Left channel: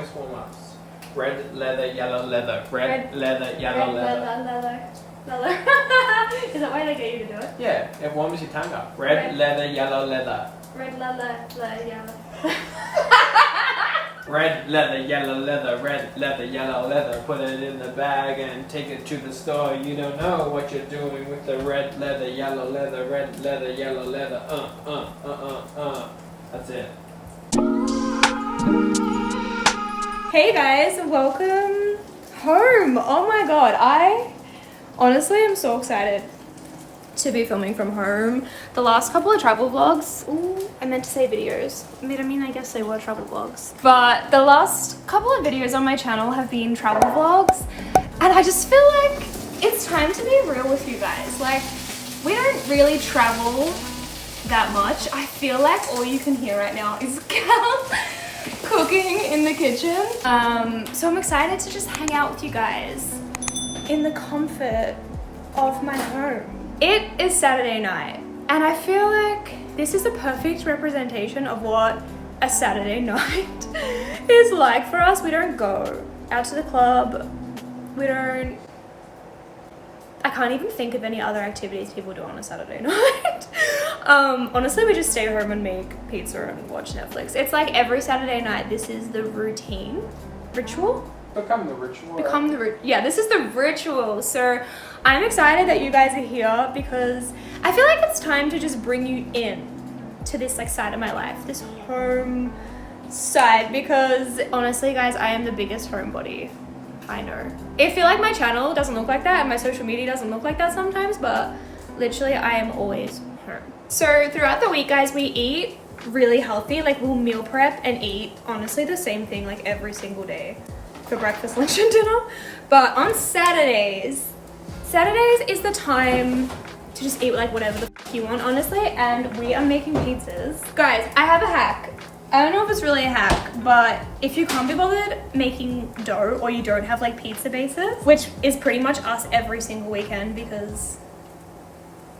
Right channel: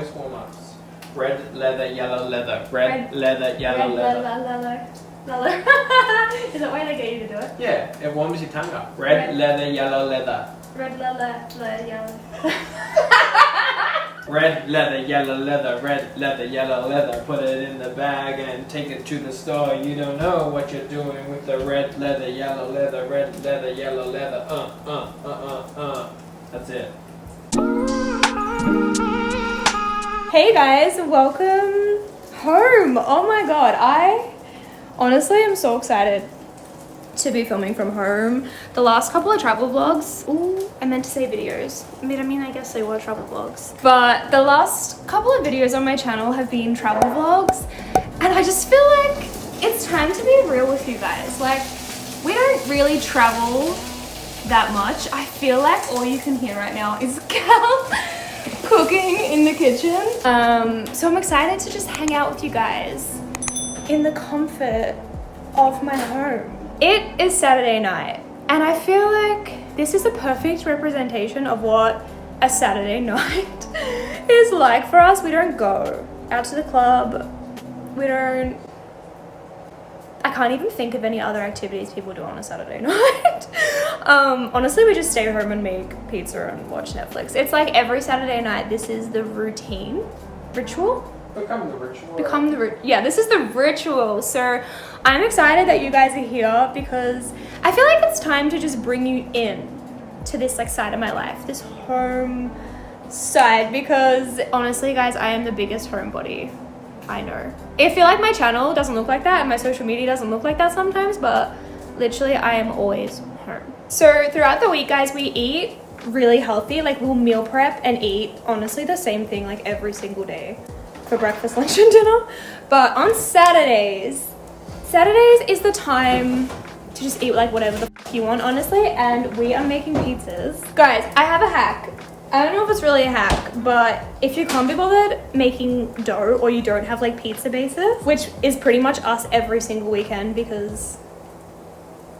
voice warm-ups. Red leather, yellow leather. Red leather, yellow leather. Leather. Is that why they get you to do it? Yeah, it warms your tongue up. Red leather, yellow leather. Red leather, yellow. Red leather, yellow leather, red leather, yellow leather. Put it in the bag and take it to the store. You don't know what you're doing with the red leather, yellow leather, red leather, yellow leather. That's it. Hey guys, welcome home. Oh my god, I honestly am so excited to be filming from home. The last couple of travel vlogs, I meant to say videos. I guess they were travel vlogs. But the last couple of videos on my channel have been travel vlogs. And I just feel like it's time to be real with you guys. Like, we don't really travel that much. I feel like all you can hear right now is Cal cooking in the kitchen. So I'm excited to just hang out with you guys in the comfort of my home. It is Saturday night, and I feel like this is a perfect representation of what a Saturday night is like for us. We don't go out to the club. I can't even think of any other activities people do on a Saturday night. Honestly, we just stay home and make pizza and watch Netflix. It's like every Saturday night, this is the ritual. Become the ritual. This is the ritual. So I'm excited that you guys are here because I feel like it's time to just bring you in to this like side of my life, this home side, because honestly guys, I am the biggest homebody I know. I feel like my channel doesn't look like that and my social media doesn't look like that sometimes, but literally I am always home. So throughout the week guys, we eat really healthy. Like we'll meal prep and eat honestly the same thing like every single day for breakfast, lunch and dinner. But on Saturdays is the time to just eat like whatever the f you want, honestly. And we are making pizzas. Guys, I have a hack. I don't know if it's really a hack, but if you can't be bothered making dough or you don't have like pizza bases, which is pretty much us every single weekend because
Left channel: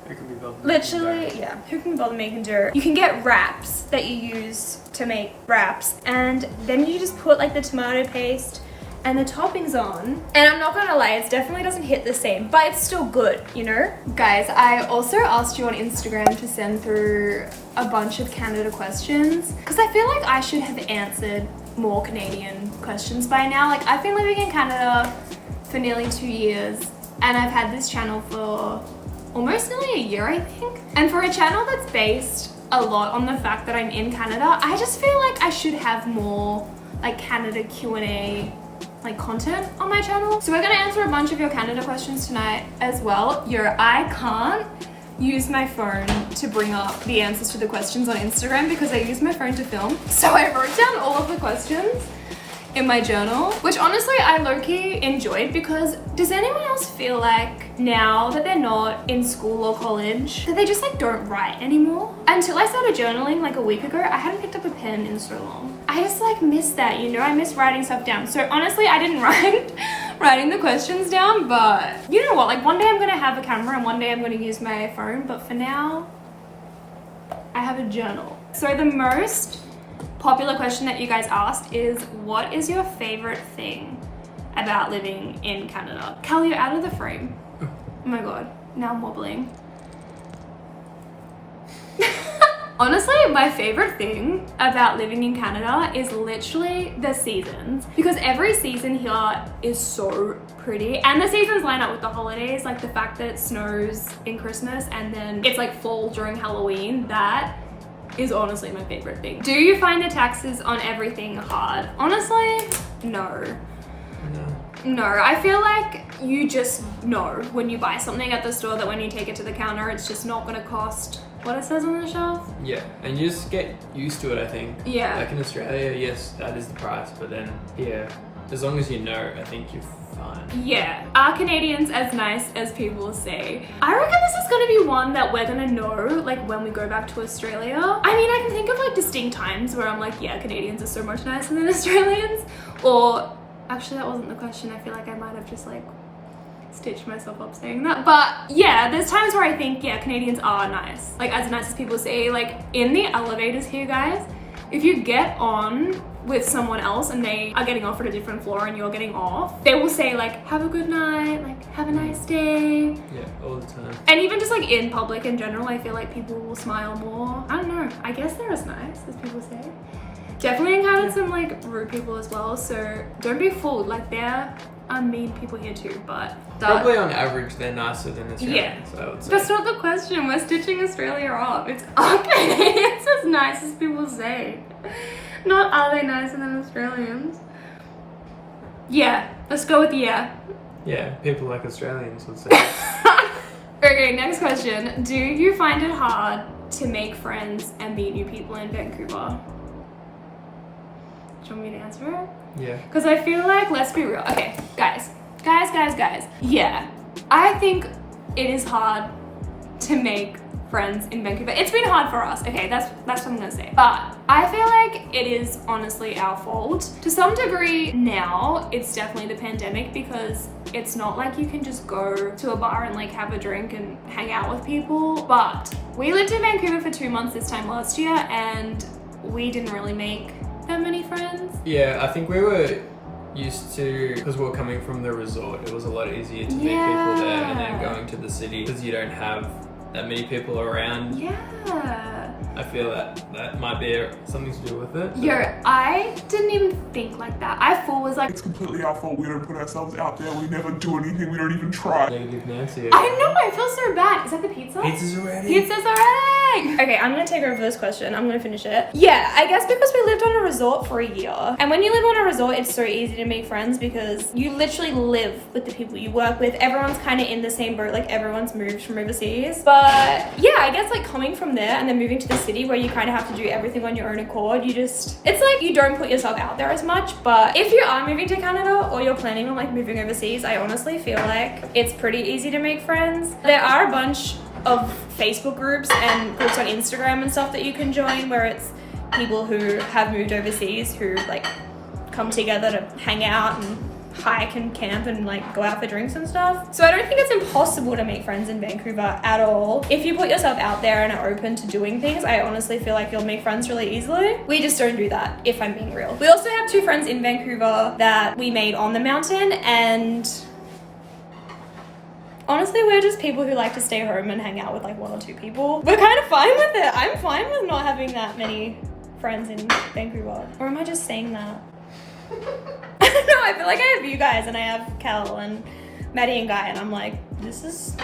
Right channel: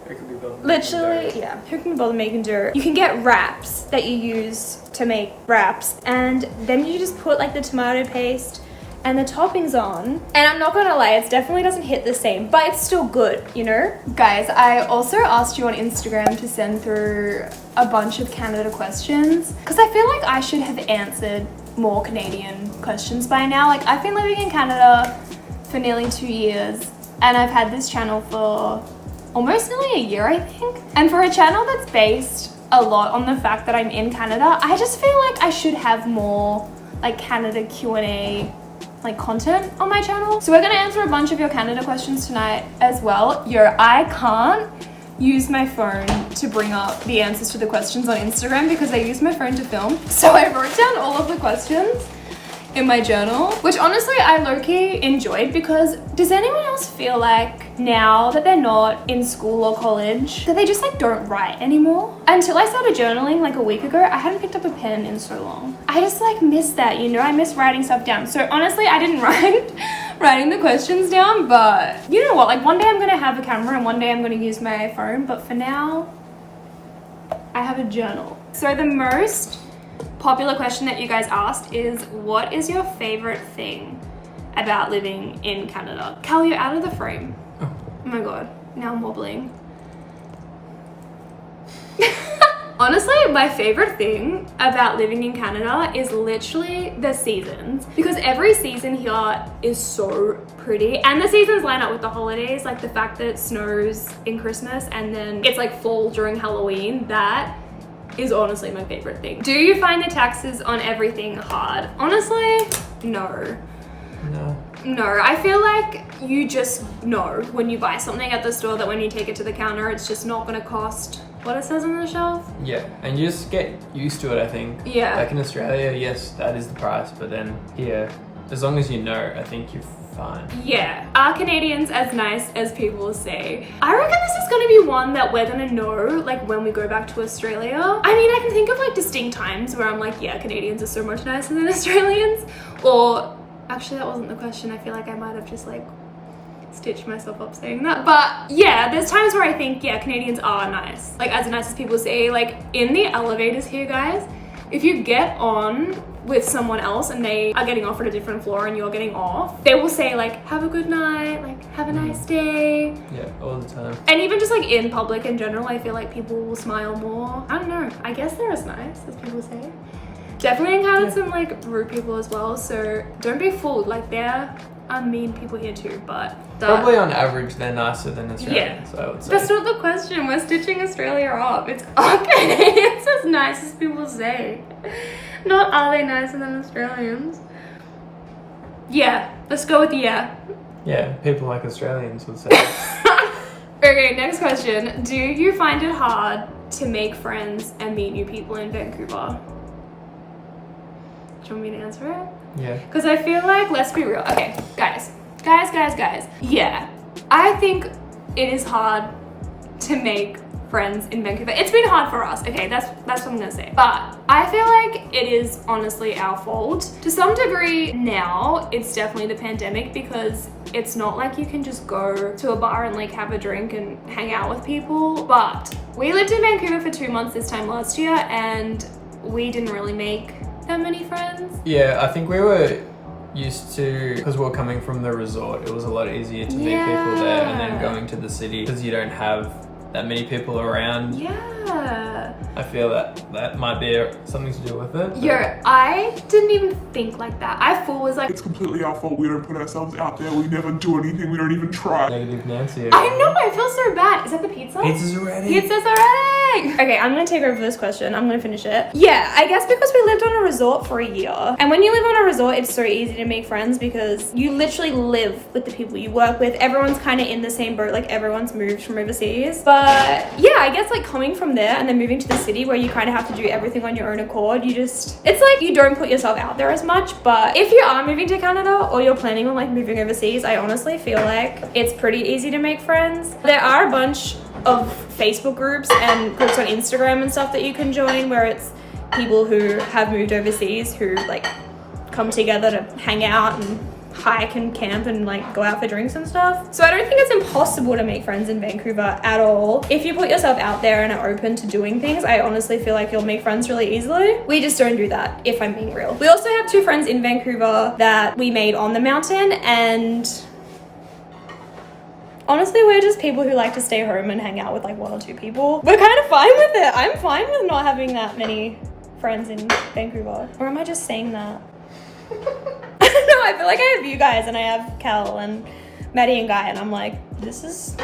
Who can be bothered literally, yeah, who can be bothered making dough? You can get wraps that you use to make wraps, and then you just put like the tomato paste and the toppings on. And I'm not gonna lie, it definitely doesn't hit the same, but it's still good, you know? Guys, I also asked you on Instagram to send through a bunch of Canada questions because I feel like I should have answered more Canadian questions by now. Like, I've been living in Canada for nearly 2 years and I've had this channel for almost nearly a year, I think. And for a channel that's based a lot on the fact that I'm in Canada, I just feel like I should have more like Canada Q&A like content on my channel. So we're gonna answer a bunch of your Canada questions tonight as well. I can't use my phone to bring up the answers to the questions on Instagram because I use my phone to film. So I wrote down all of the questions in my journal, which honestly I low-key enjoyed because does anyone else feel like now that they're not in school or college that they just like don't write anymore? Until I started journaling like a week ago, I hadn't picked up a pen in so long. I just like miss that, you know? I miss writing stuff down. So honestly, I didn't writing the questions down, but you know what? Like one day I'm gonna have a camera and one day I'm gonna use my phone, but for now, I have a journal. So the most popular question that you guys asked is, what is your favorite thing about living in Canada? Cal, you're out of the frame. Oh my god, now I'm wobbling. Honestly, my favorite thing about living in Canada is literally the seasons, because every season here is so pretty and the seasons line up with the holidays, like the fact that it snows in Christmas and then it's like fall during Halloween. That is honestly my favorite thing. Do you find the taxes on everything hard? Honestly, no. No, I feel like you just know when you buy something at the store that when you take it to the counter, it's just not gonna cost what it says on the shelf. Yeah, and you just get used to it, I think. Yeah. Like in Australia, yes, that is the price, but then here, as long as you know, I think you're fine. Yeah. Are Canadians as nice as people say? I reckon this is gonna be one that we're gonna know like when we go back to Australia. I mean, I can think of like distinct times where I'm like, yeah, Canadians are so much nicer than Australians. Or actually, that wasn't the question. I feel like I might have just like stitched myself up saying that. But yeah, there's times where I think, yeah, Canadians are nice. Like as nice as people say. Like in the elevators here, guys, if you get on with someone else and they are getting off at a different floor and you're getting off, they will say like, have a good night, like, have a nice day. Yeah, all the time. And even just like in public in general, I feel like people will smile more. I don't know. I guess they're as nice as people say. Definitely encountered some like rude people as well. So don't be fooled. Like there are mean people here too, but probably on average they're nicer than Australians. I would say. That's not the question. We're stitching Australia up. It's okay. It's as nice as people say. Not are they nicer than Australians? Yeah. Let's go with yeah. Yeah, people like Australians would say. Okay, next question. Do you find it hard to make friends and meet new people in Vancouver? Do you want me to answer it? Yeah. Because I feel like, let's be real. Okay, guys. Yeah, I think it is hard to make friends in Vancouver. It's been hard for us. Okay, that's what I'm gonna say. But I feel like it is honestly our fault. To some degree now, it's definitely the pandemic because it's not like you can just go to a bar and like have a drink and hang out with people. But we lived in Vancouver for 2 months this time last year and we didn't really make that many friends. Yeah, I think we were used to, because we were coming from the resort, it was a lot easier to meet people there, and then going to the city because you don't have that many people around. Yeah. I feel that might be something to do with it. Yo, I didn't even think like that. I full was like, it's completely our fault. We don't put ourselves out there. We never do anything. We don't even try. Negative Nancy. I know, I feel so bad. Is that the pizza? Pizza's already. Pizza's already! Okay, I'm gonna take over this question. I'm gonna finish it. Yeah, I guess because we lived on a resort for a year. And when you live on a resort, it's so easy to make friends because you literally live with the people you work with. Everyone's kind of in the same boat, like everyone's moved from overseas. But yeah, I guess like coming from there and then moving to the city where you kind of have to do everything on your own accord, it's like you don't put yourself out there as much. But if you are moving to Canada or you're planning on like moving overseas, I honestly feel like it's pretty easy to make friends. There are a bunch of Facebook groups and groups on Instagram and stuff that you can join where it's people who have moved overseas who like come together to hang out and hike and camp and like go out for drinks and stuff. So I don't think it's impossible to make friends in Vancouver at all. If you put yourself out there and are open to doing things, I honestly feel like you'll make friends really easily. We just don't do that, if I'm being real. We also have 2 friends in Vancouver that we made on the mountain, and honestly, we're just people who like to stay home and hang out with like 1 or 2 people. We're kind of fine with it. I'm fine with not having that many friends in Vancouver. Or am I just saying that? I don't know, I feel like I have you guys and I have Kel and Maddie and Guy and I'm like, this is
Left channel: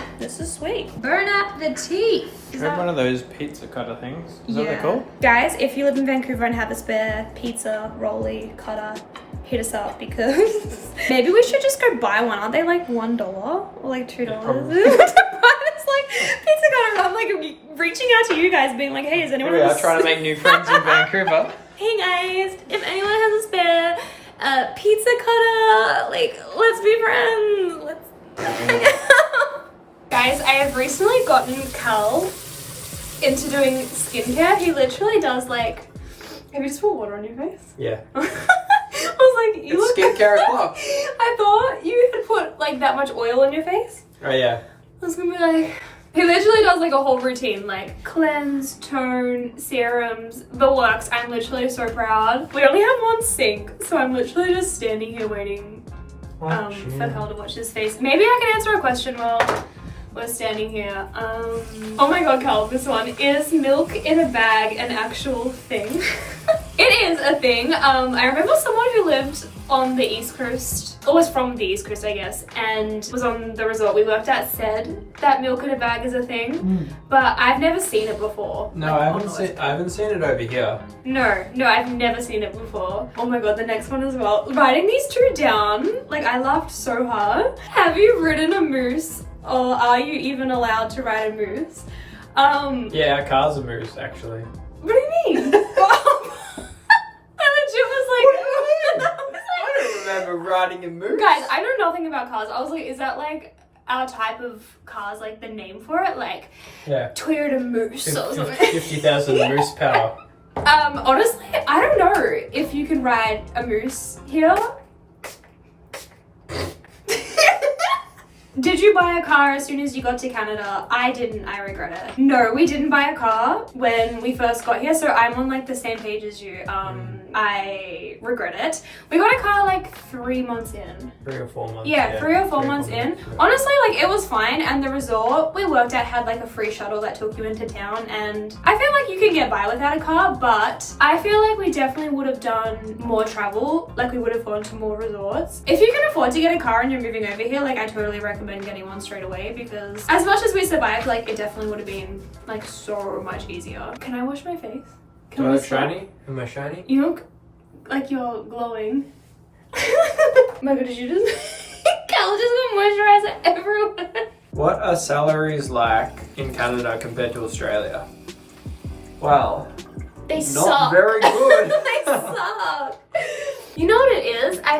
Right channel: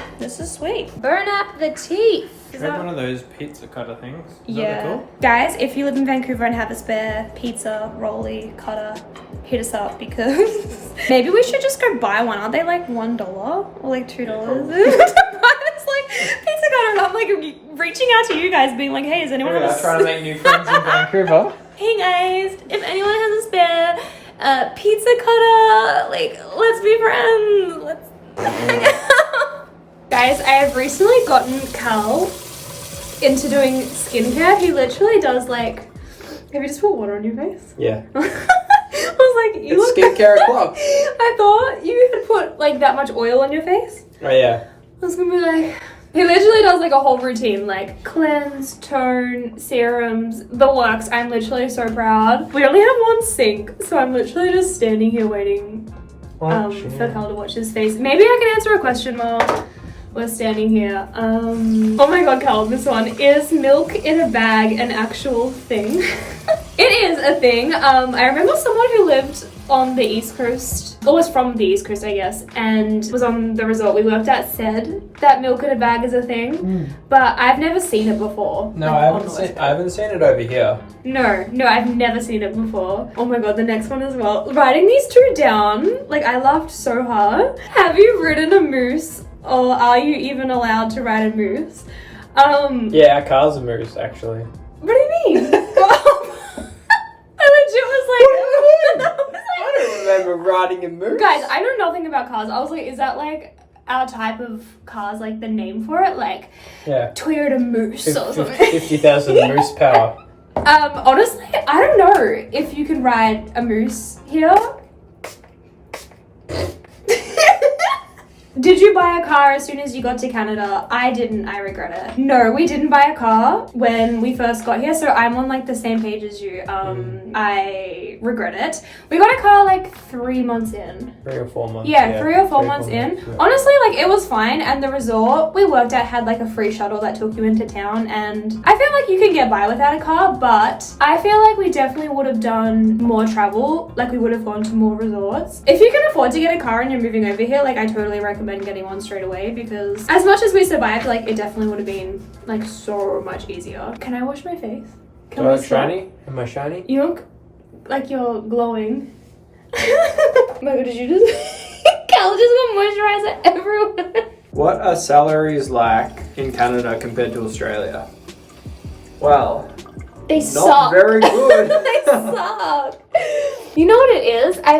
sweet. Burn up the teeth. Is that one of those pizza cutter things? Is that what they're called? Guys, if you live in Vancouver and have a spare pizza rolly cutter, hit us up because maybe we should just go buy one. Aren't they like $1 or like $2? It's like pizza cutter and I'm like reaching out to you guys being like, hey, is anyone I'm trying to make new friends in Vancouver. Hey guys, if anyone has a spare pizza cutter, like, let's be friends. Let's hang out. Guys, I have recently gotten Cal into doing skincare. He literally does like, have you just put water on your face? Yeah. I was like, you It's look skincare o'clock. I thought you had put like that much oil on your face. Oh yeah. I was gonna be like, he literally does like a whole routine, like cleanse, tone, serums, the works. I'm literally so proud. We only have 1 sink, so I'm literally just standing here waiting for Cal to watch his face. Maybe I can answer a question while we're standing here. Oh my god, Cal, this one. Is milk in a bag an actual thing? It is a thing. I remember someone who lived on the East Coast, or was from the East Coast, I guess, and was on the resort we worked at, said that milk in a bag is a thing, but I've never seen it before. No, like, I haven't seen it over here. No, I've never seen it before. Oh my god, the next one as well. Writing these 2 down, like I laughed so hard. Have you ridden a moose, or are you even allowed to ride a moose? Yeah, our car's a moose, actually. What do you mean? I legit was like, I don't remember riding a moose. guys, I know nothing about cars. I was like, is that like our type of cars, like the name for it? Like, yeah. Toyota Moose or something. 50,000 moose power. Honestly, I don't know if you can ride a moose here. Did you you buy a car as soon as you got to Canada? I didn't. I regret it. No, we didn't buy a car when we first got here, so I'm on like the same page as you. I regret it. We got a car like 3 months in. 3 or 4 months. Yeah, 3 or 4 months in. Yeah. Honestly, like it was fine, and the resort we worked at had like a free shuttle that took you into town, and I feel like you can get by without a car, but I feel like we definitely would have done more travel, like we would have gone to more resorts. If you can afford to get a car and you're moving over here, like I totally recommend getting one straight away, because as much as we survived, like it definitely would have been like so much easier. Can I wash my face? Can we stop? Shiny? Am I shiny? You look like you're glowing. Oh my god, did you just... Cal just got moisturizer everywhere. What are salaries like in Canada compared to Australia? Well, They not suck. very good. They suck. You know what it is? I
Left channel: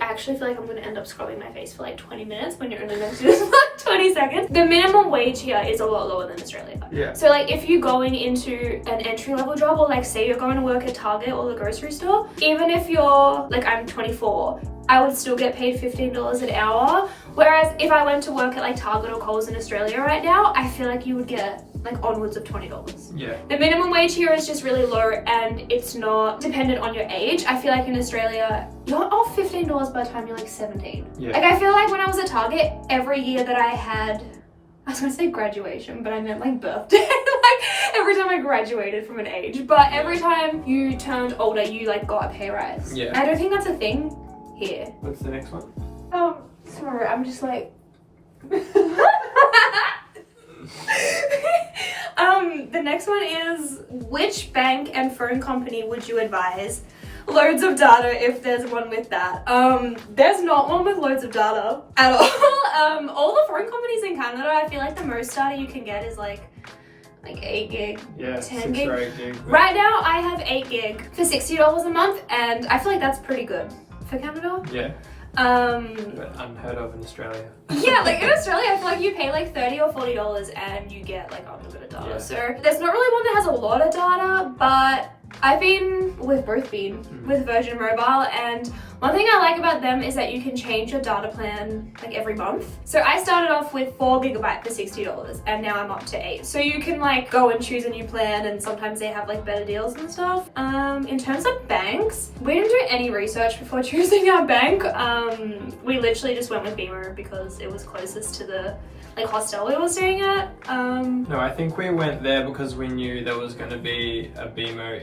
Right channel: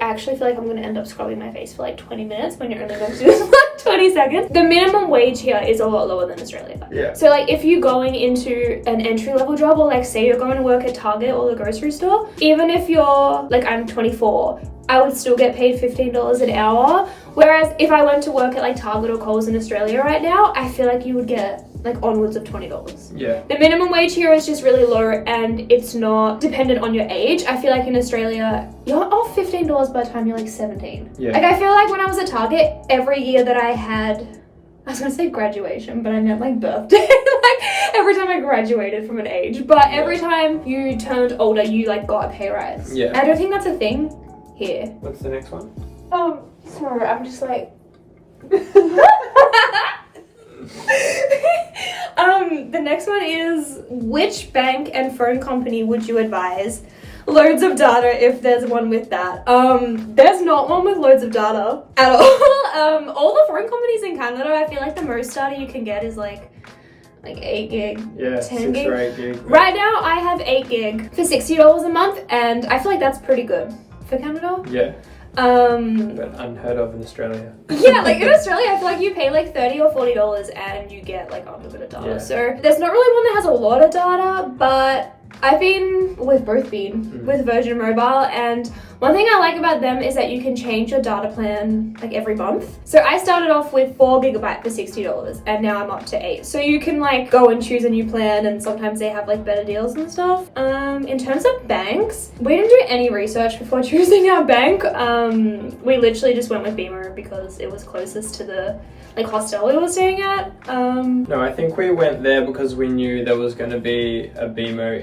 actually feel like I'm gonna end up scrubbing my face for like 20 minutes when you're only meant to do this for like 20 seconds. The minimum wage here is a lot lower than Australia. Yeah. So like if you're going into an entry level job, or like say you're going to work at Target or the grocery store, even if you're like, I'm 24, I would still get paid $15 an hour. Whereas if I went to work at like Target or Coles in Australia right now, I feel like you would get like onwards of $20. Yeah. The minimum wage here is just really low, and it's not dependent on your age. I feel like in Australia, you're off $15 by the time you're like 17. Yeah. Like I feel like when I was at Target, every year that I had, I was gonna say graduation, but I meant like birthday. Like every time I graduated from an age, but every time you turned older, you like got a pay rise. Yeah. I don't think that's a thing here. What's the next one? Sorry, I'm just like. The next one is, which bank and phone company would you advise? Loads of data if there's one with that. There's not one with loads of data at all. All the phone companies in Canada, I feel like the most data you can get is like 8 gig. Yeah, 10 6 gig. or 8 gig. Right now I have 8 gig for $60 a month, and I feel like that's pretty good for Canada. Yeah, but unheard of in Australia. Yeah, like in Australia, I feel like you pay like $30 or $40 and you get like unlimited data. Yeah. So there's not really one that has a lot of data, but I've been with with Virgin Mobile, and one thing I like about them is that you can change your data plan like every month. So I started off with 4 gigabyte for $60, and now I'm up to 8. So you can like go and choose a new plan, and sometimes they have like better deals and stuff. In terms of banks, we didn't do any research before choosing our bank. We literally just went with Beamer because it was closest to the like hostel we were staying at. No, I think we went there because we knew there was going to be a Beamer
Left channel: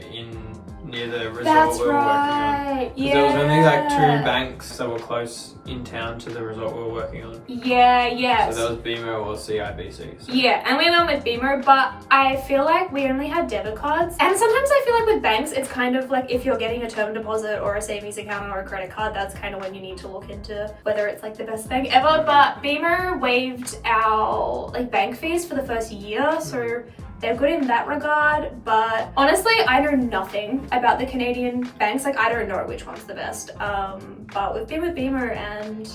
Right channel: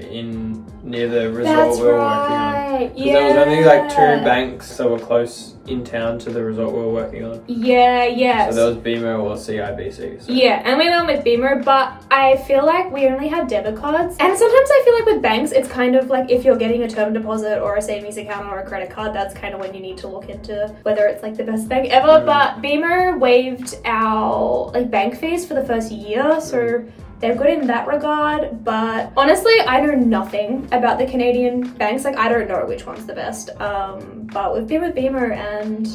near the resort That's we were working on. right. Because there was only like 2 banks that were close in town to the resort we were working on. Yeah. So there was Beamer or CIBC. So. Yeah, and we went with Beamer, but I feel like we only have debit cards. And sometimes I feel like with banks, it's kind of like if you're getting a term deposit or a savings account or a credit card, that's kind of when you need to look into whether it's like the best bank ever. But Beamer waived our like bank fees for the first year, so they're good in that regard. But honestly, I know nothing about the Canadian banks. Like I don't know which one's the best. But we've been with Beamer and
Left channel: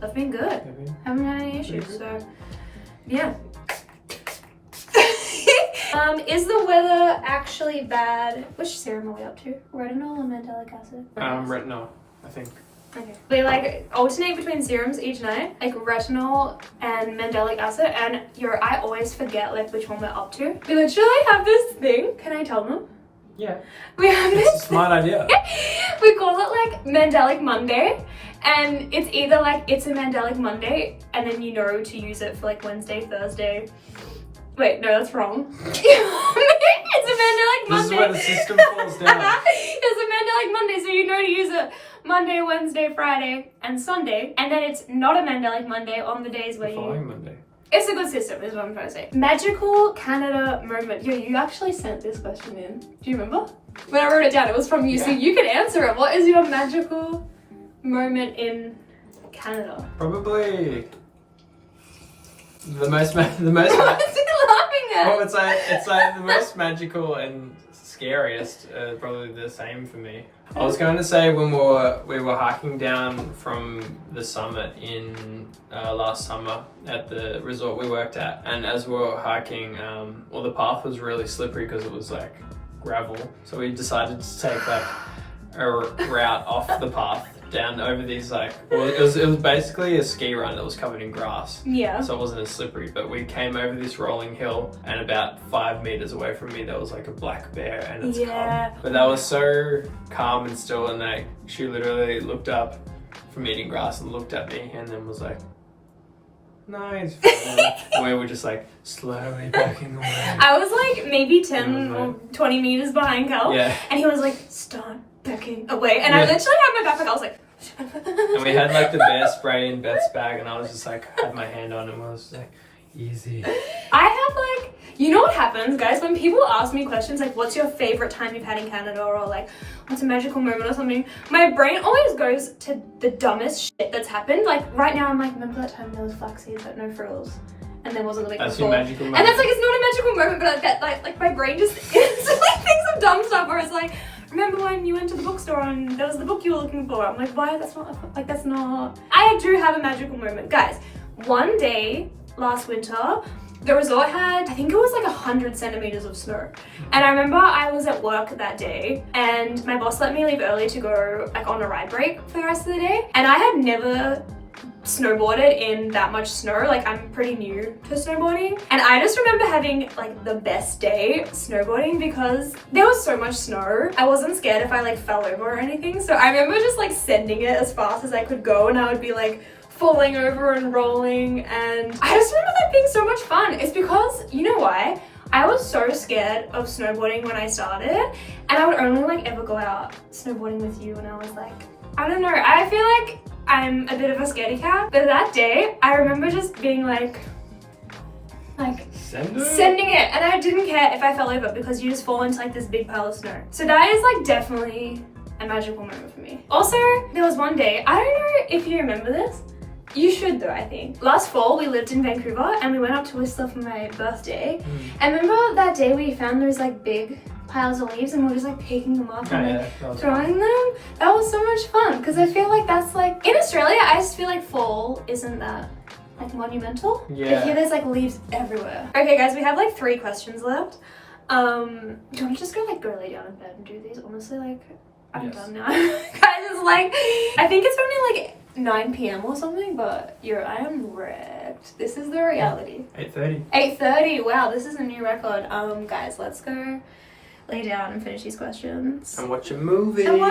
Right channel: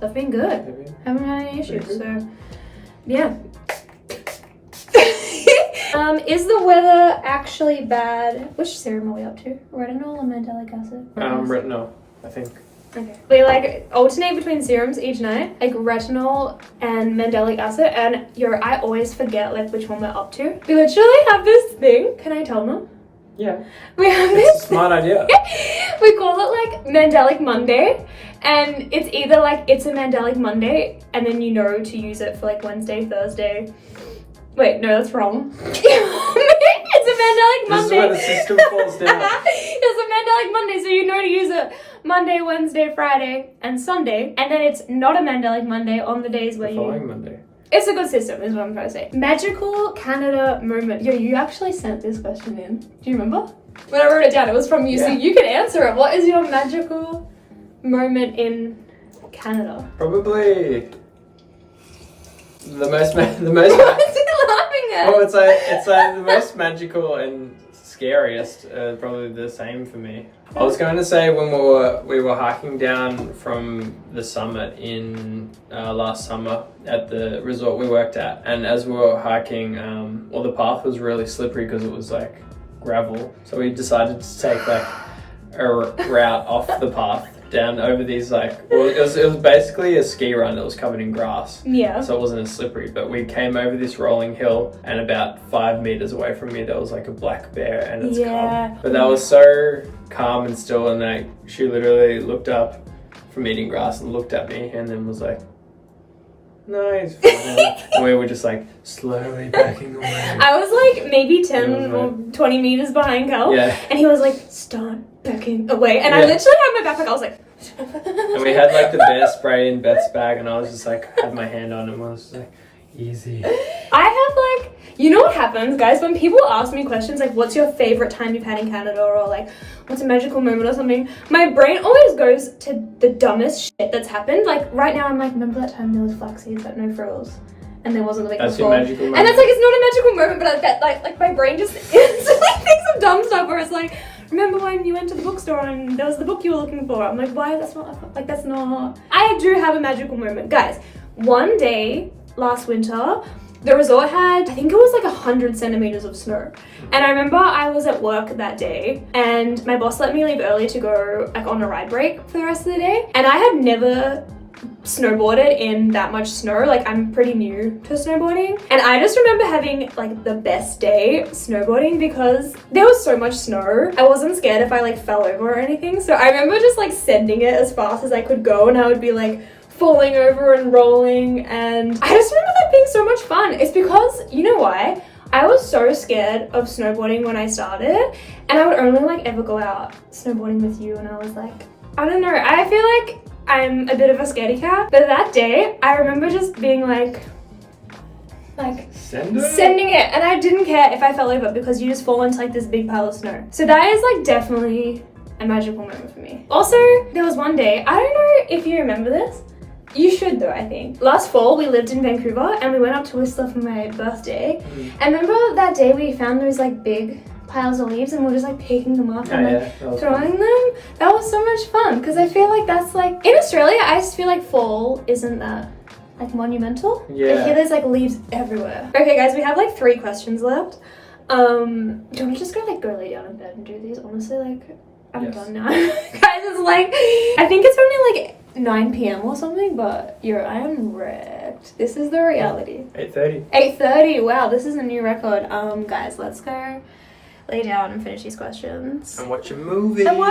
they've been good. Haven't had any issues. So yeah. Is the weather actually bad? Which serum are we up to? Retinol or mandelic acid? Retinol, I think. Okay. We like alternate between serums each night, like retinol and mandelic acid, and I always forget like which one we're up to. We literally have this thing. Can I tell them? Yeah. We have It's this. a smart idea. We call it like Mandelic Monday, and it's either like it's a Mandelic Monday, and then you know to use it for like Wednesday, Thursday. Wait, no, that's wrong. It's a Mandelic Monday. This is where the system falls down. It's a Mandelic Monday, so you know to use it Monday, Wednesday, Friday, and Sunday. And then it's not a Mandelic Monday on the days where The following Monday. It's a good system, is what I'm trying to say. Magical Canada moment. Yo, you actually sent this question in. Do you remember? When I wrote it down, it was from you, so you can answer it. What is your magical moment in Canada? Probably the most. What is he laughing at? Well, it's like the most magical and scariest. Probably the same for me. I was going to say when we were hiking down from the summit in last summer at the resort we worked at, and as we were hiking, the path was really slippery because it was like gravel. So we decided to take like a route off the path down over these well, it was basically a ski run that was covered in grass. Yeah. So it wasn't as slippery, but we came over this rolling hill, and about 5 meters away from me there was like a black bear and its cub. But that was so calm and still, and she literally looked up from eating grass and looked at me and then was like, "No, he's fine." And we were just like slowly backing away. I was like maybe 10 or 20 meters behind Cal. Yeah. And he was like, "Start backing away." And I literally had my backpack, I was like... And we had like the bear spray in Beth's bag, and I was just like, had my hand on him, I was just like, easy. I have like... You know what happens, guys, when people ask me questions like, what's your favorite time you've had in Canada, or like, what's a magical moment or something, my brain always goes to the dumbest shit that's happened. Like, right now I'm like, remember that time there was flax seeds, like, no frills, and there wasn't like that's a your fall. magical moment. And that's like, it's not a magical moment, but I get like my brain just like thinks of dumb stuff where it's like, remember when you went to the bookstore and there was the book you were looking for? I'm like, why? That's not... I do have a magical moment. Guys, one day last winter, the resort had, I think it was like 100 centimeters of snow. And I remember I was at work that day and my boss let me leave early to go like on a ride break for the rest of the day. And I had never snowboarded in that much snow. Like, I'm pretty new to snowboarding. And I just remember having like the best day snowboarding because there was so much snow. I wasn't scared if I like fell over or anything. So I remember just like sending it as fast as I could go, and I would be like falling over and rolling, and I just remember that being so much fun. It's because, you know why? I was so scared of snowboarding when I started, and I would only like ever go out snowboarding with you, and I was like, I don't know, I feel like I'm a bit of a scaredy cat, but that day, I remember just being like sending it, and I didn't care if I fell over because you just fall into like this big pile of snow. So that is like definitely a magical moment for me. Also, there was one day, I don't know if you remember this, you should though, I think. Last fall, we lived in Vancouver and we went up to Whistler for my birthday. And remember that day we found those like big piles of leaves and we were just like picking them up and like, throwing them? That was so much fun because I feel like that's like... In Australia, I just feel like fall isn't that like monumental. Yeah. I hear there's like leaves everywhere. Okay guys, we have like 3 questions left. Do you want to just go lay down in bed and do these? Honestly, like, I'm done now. Guys, it's like, I think it's only like 9 p.m. or something, but I am wrecked. This is the reality. 8:30. 8:30. Wow, this is a new record. Guys, let's go lay down and finish these questions. And watch a movie. Oh,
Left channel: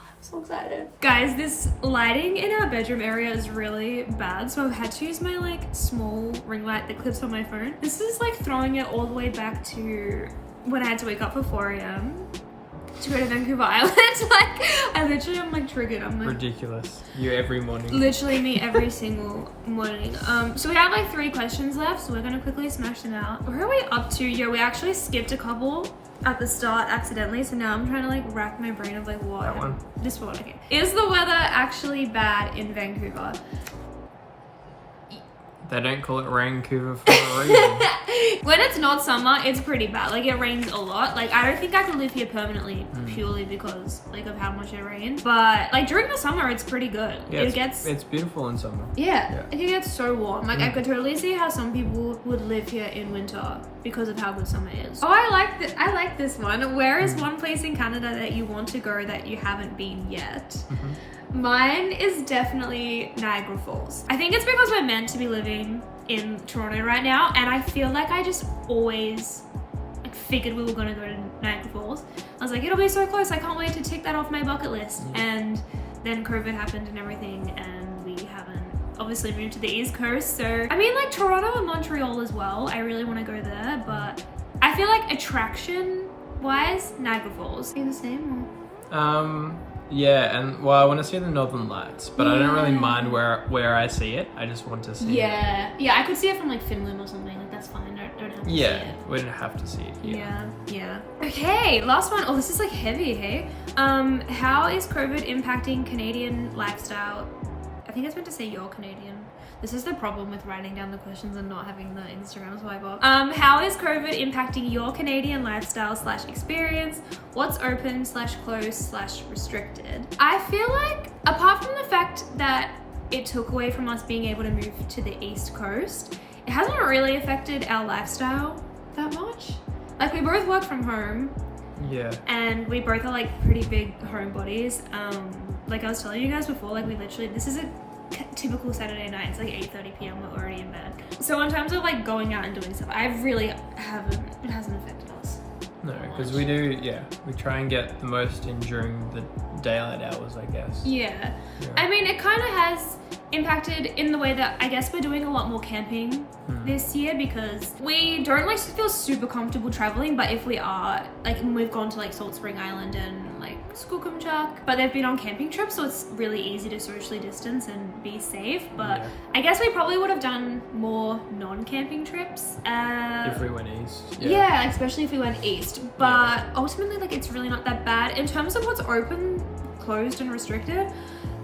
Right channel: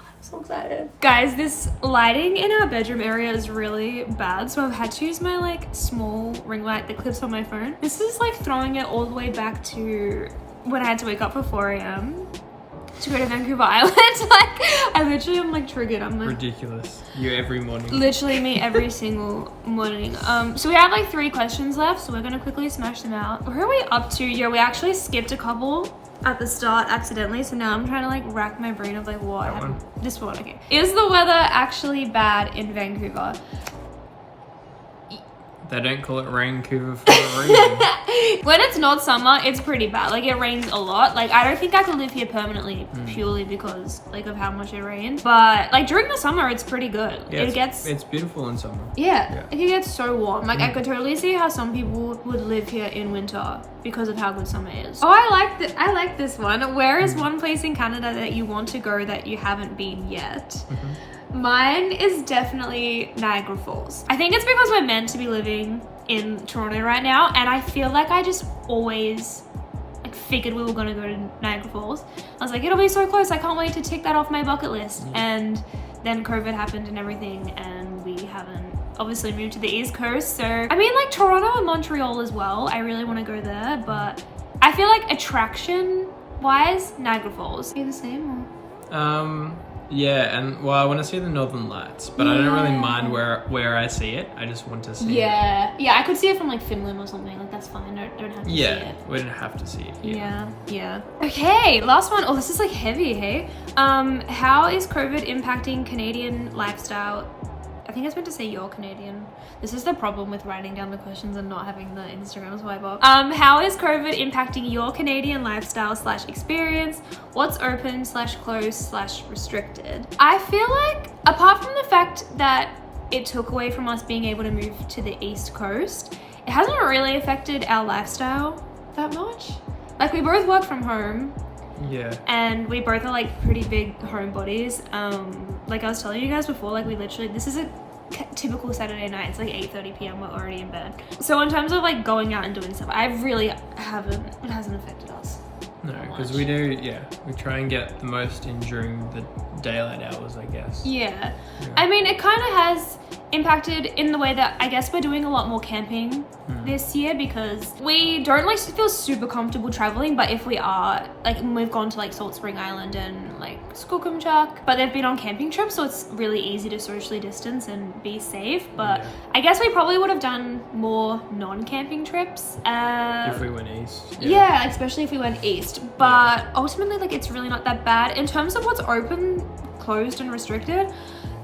I'm so excited. Guys, this lighting in our bedroom area is really bad, so I've had to use my like small ring light that clips on my phone. This is like throwing it all the way back to when I had to wake up for 4 a.m. to go to Vancouver Island. Like, I literally am like triggered. I'm like, ridiculous. You every morning. Literally me every single morning. So we have like 3 questions left, so we're gonna quickly smash them out. Where are we up to? Yeah, we actually skipped a couple at the start accidentally, so now I'm trying to like rack my brain of like what. That one. This one, okay. Is the weather actually bad in Vancouver? They don't call it Vancouver for a reason. When it's not summer, it's pretty bad. Like, it rains a lot. Like, I don't think I could live here permanently purely because, like, of how much it rains. But, like, during the summer, it's pretty good. Yeah, it's beautiful in summer. Yeah. Like, it gets so warm. Like, I could totally see how some people would live here in winter because of how good summer is. Oh, I like this one. Where is one place in Canada that you want to go that you haven't been yet? Mine is definitely Niagara Falls. I think it's because we're meant to be living in Toronto right now, and I feel like I just always like figured we were gonna go to Niagara Falls. I was like, it'll be so close, I can't wait to tick that off my bucket list. And then COVID happened and everything, and we haven't obviously moved to the East Coast. So I mean, like Toronto and Montreal as well, I really want to go there, but I feel like attraction wise, Niagara Falls. Are you the same or? Yeah, and well, I want to see the Northern Lights, but I don't really mind where I see it. I just want to see it. Yeah, I could see it from like Finland or something. Like, that's fine. Don't have to see it. We don't have to see it here. Yeah. Okay, last one. Oh, this is like heavy, hey? How is COVID impacting Canadian lifestyle? I think I was meant to say you're Canadian. This is the problem with writing down the questions and not having the Instagram swipe up. How is COVID impacting your Canadian lifestyle / experience? What's open / closed / restricted? I feel like, apart from the fact that it took away from us being able to move to the East Coast, it hasn't really affected our lifestyle that much. Like, we both work from home. Yeah. And we both are like pretty big homebodies. Like I was telling you guys before, like we literally, this is a typical Saturday night. It's like 8:30 p.m. We're already in bed. So in terms of like going out and doing stuff, I really haven't, it hasn't affected us. No, because we do, we try and get the most in during the daylight hours, I guess. Yeah. I mean, it kind of has impacted in the way that I guess we're doing a lot more camping this year, because we don't like feel super comfortable traveling, but if we are, like we've gone to like Salt Spring Island and like Skookumchuck, but they've been on camping trips, so it's really easy to socially distance and be safe. But I guess we probably would have done more non-camping trips. If we went east. Yeah, especially if we went east. But ultimately, like it's really not that bad. In terms of what's open, closed and restricted,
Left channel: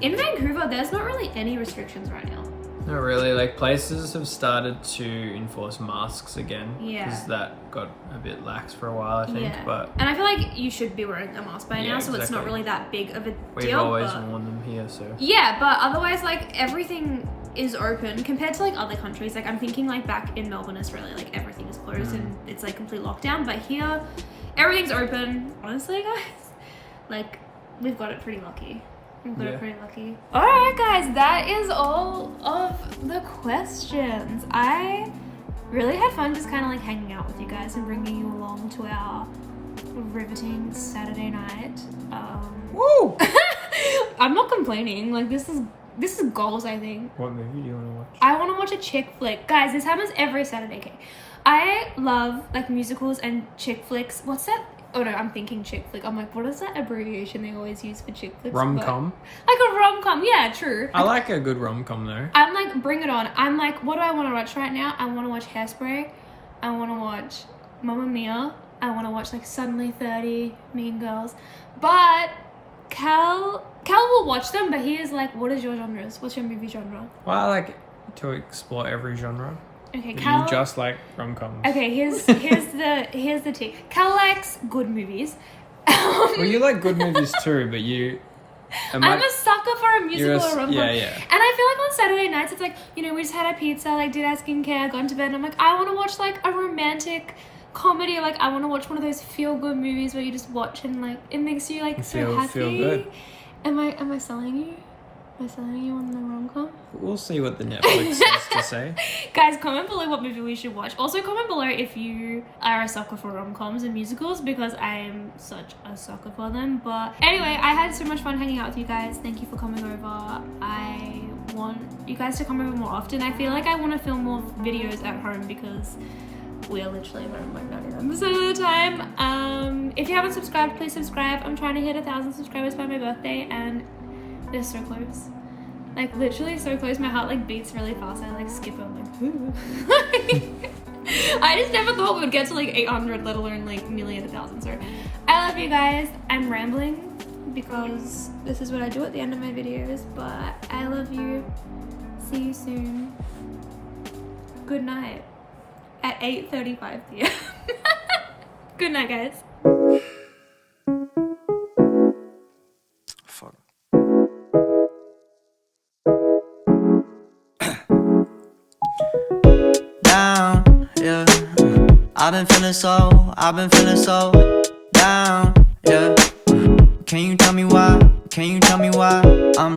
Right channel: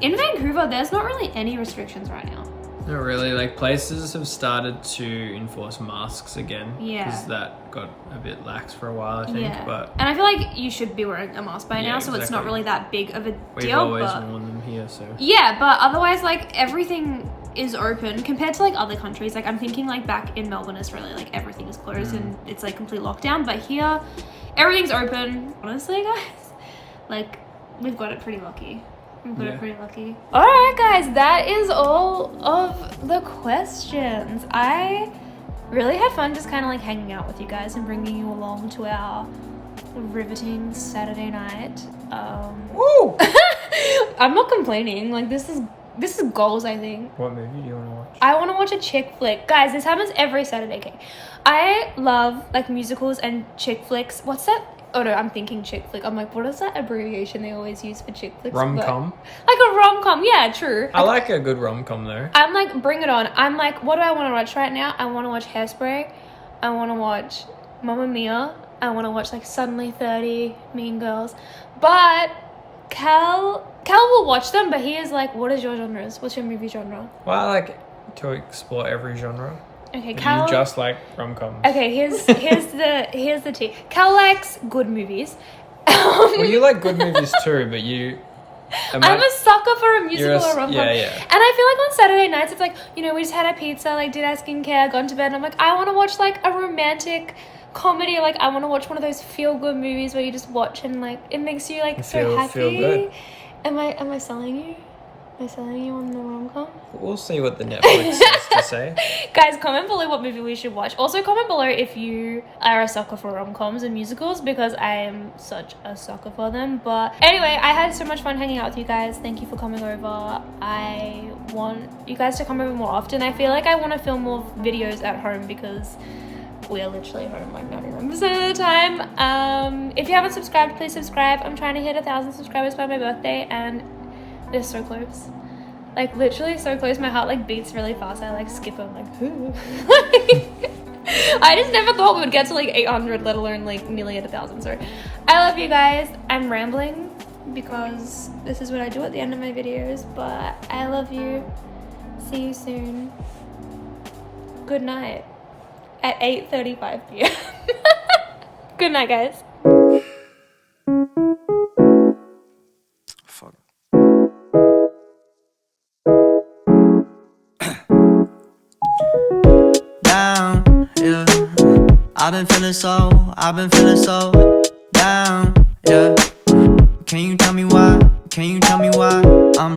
in Vancouver, there's not really any restrictions right now. Not really. Like places have started to enforce masks again. Because that got a bit lax for a while, I think. But and I feel like you should be wearing a mask by now, so it's not really that big of a deal. We've always worn them here, so. Yeah, but otherwise, like everything is open compared to like other countries. Like I'm thinking like back in Melbourne, Australia, like everything is closed and it's like complete lockdown. But here, everything's open. Honestly, guys, like we've got it pretty lucky. We've got it pretty lucky. All right, guys, that is all of the questions. I really had fun just kind of like hanging out with you guys and bringing you along to our riveting Saturday night. Woo! I'm not complaining. Like this is goals, I think. What movie do you want to watch? I want to watch a chick flick. Guys, this happens every Saturday. Okay. I love like musicals and chick flicks. What's that? Oh no, I'm thinking chick flick. I'm like, what is that abbreviation they always use for chick flicks? Rom-com? Like a rom-com, yeah, true. I like a good rom-com though. I'm like, bring it on. I'm like, what do I want to watch right now? I want to watch Hairspray. I want to watch Mamma Mia. I want to watch like Suddenly 30, Mean Girls. But Cal will watch them, but he is like, what is your genres? What's your movie genre? Well, I like to explore every genre. Okay, But Cal. you just like rom-coms. Okay, here's the tea. Cal likes good movies. Well, you like good movies too, but you. I'm a sucker for a musical or rom-com. Yeah. And I feel like on Saturday nights, it's like, you know, we just had our pizza, like did our skincare, gone to bed, and I'm like, I want to watch like a romantic comedy. Like I want to watch one of those feel-good movies where you just watch and like it makes you like so happy. Feel good. Am I selling you? Am I selling you on the rom-com? We'll see what the Netflix has to say. Guys, comment below what movie we should watch. Also, comment below if you are a sucker for rom-coms and musicals, because I am such a sucker for them. But anyway, I had so much fun hanging out with you guys. Thank you for coming over. I want you guys to come over more often. I feel like I want to film more videos at home because we are literally home like 99% of the time. If you haven't subscribed, please subscribe. I'm trying to hit 1,000 subscribers by my birthday, and we're so close. Like literally so close. My heart like beats really fast. I like skip. I'm like, who? I just never thought we would get to like 800, let alone like nearly at 1,000. So I love you guys. I'm rambling because this is what I do at the end of my videos, but I love you. See you soon. Good night at 8:35 p.m. Good night, guys. Fuck. Down, yeah. I've been feeling so down, yeah. Can you tell me why? I'm